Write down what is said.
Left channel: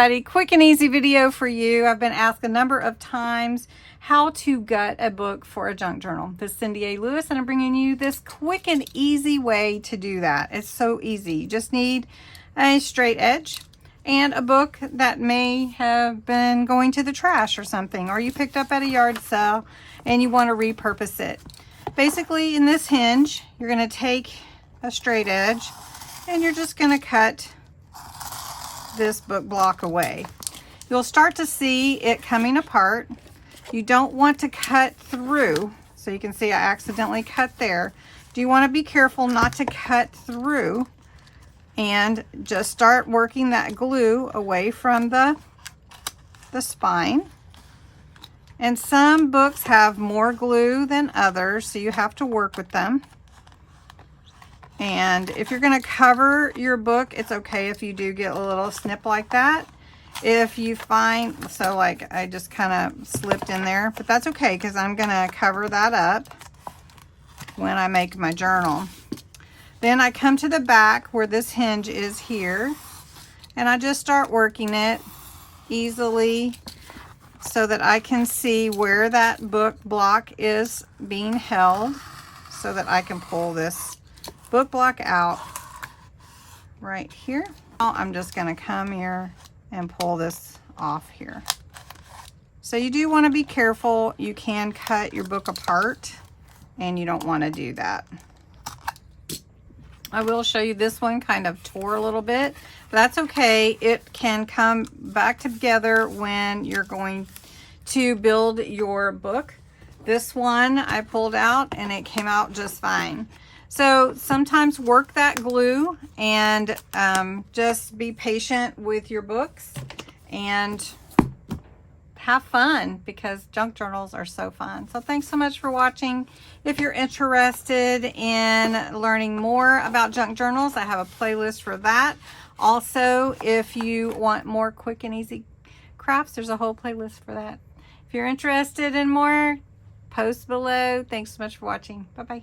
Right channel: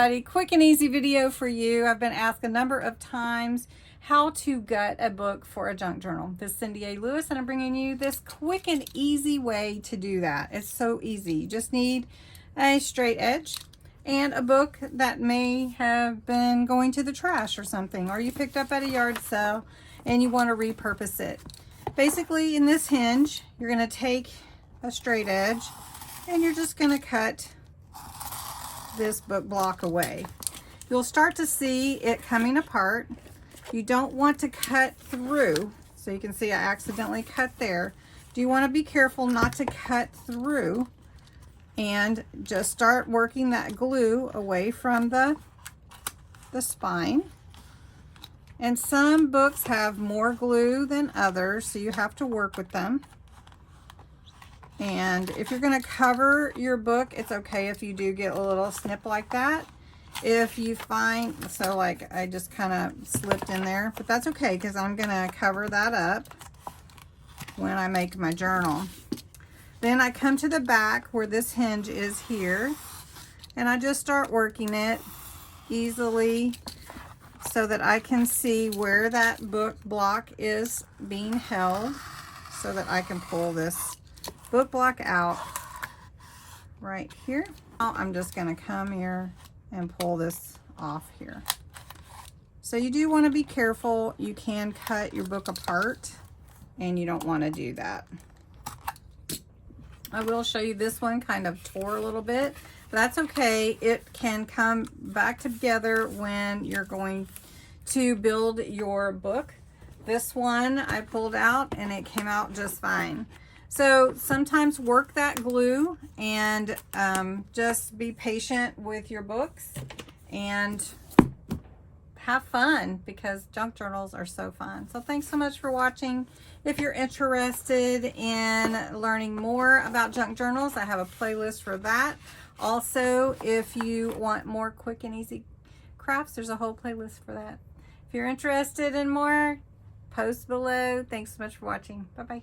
everybody. Quick and easy video for you. I've been asked a number of times how to gut a book for a junk journal. This is Cindy A. Lewis, and I'm bringing you this quick and easy way to do that. It's so easy. You just need a straight edge and a book that may have been going to the trash or something, or you picked up at a yard sale and you want to repurpose it. Basically, in this hinge, you're going to take a straight edge and you're just going to cut this book block away. You'll start to see it coming apart. You don't want to cut through. So you can see I accidentally cut there. Do you want to be careful not to cut through and just start working that glue away from the spine. And some books have more glue than others, so you have to work with them. And if you're going to cover your book, it's okay if you do get a little snip like that. If you find, so like I just kind of slipped in there, but that's okay because I'm going to cover that up when I make my journal. Then I come to the back where this hinge is here, and I just start working it easily so that I can see where that book block is being held so that I can pull this book block out right here. Now I'm just going to come here and pull this off here. So you do want to be careful. You can cut your book apart and you don't want to do that. I will show you this one kind of tore a little bit, but that's okay. It can come back together when you're going to build your book. This one I pulled out and it came out just fine. So sometimes work that glue and just be patient with your books and have fun because junk journals are so fun. So thanks so much for watching. If you're interested in learning more about junk journals, I have a playlist for that. Also, if you want more quick and easy crafts, there's a whole playlist for that. If you're interested in more, post below. Thanks so much for watching. Bye-bye.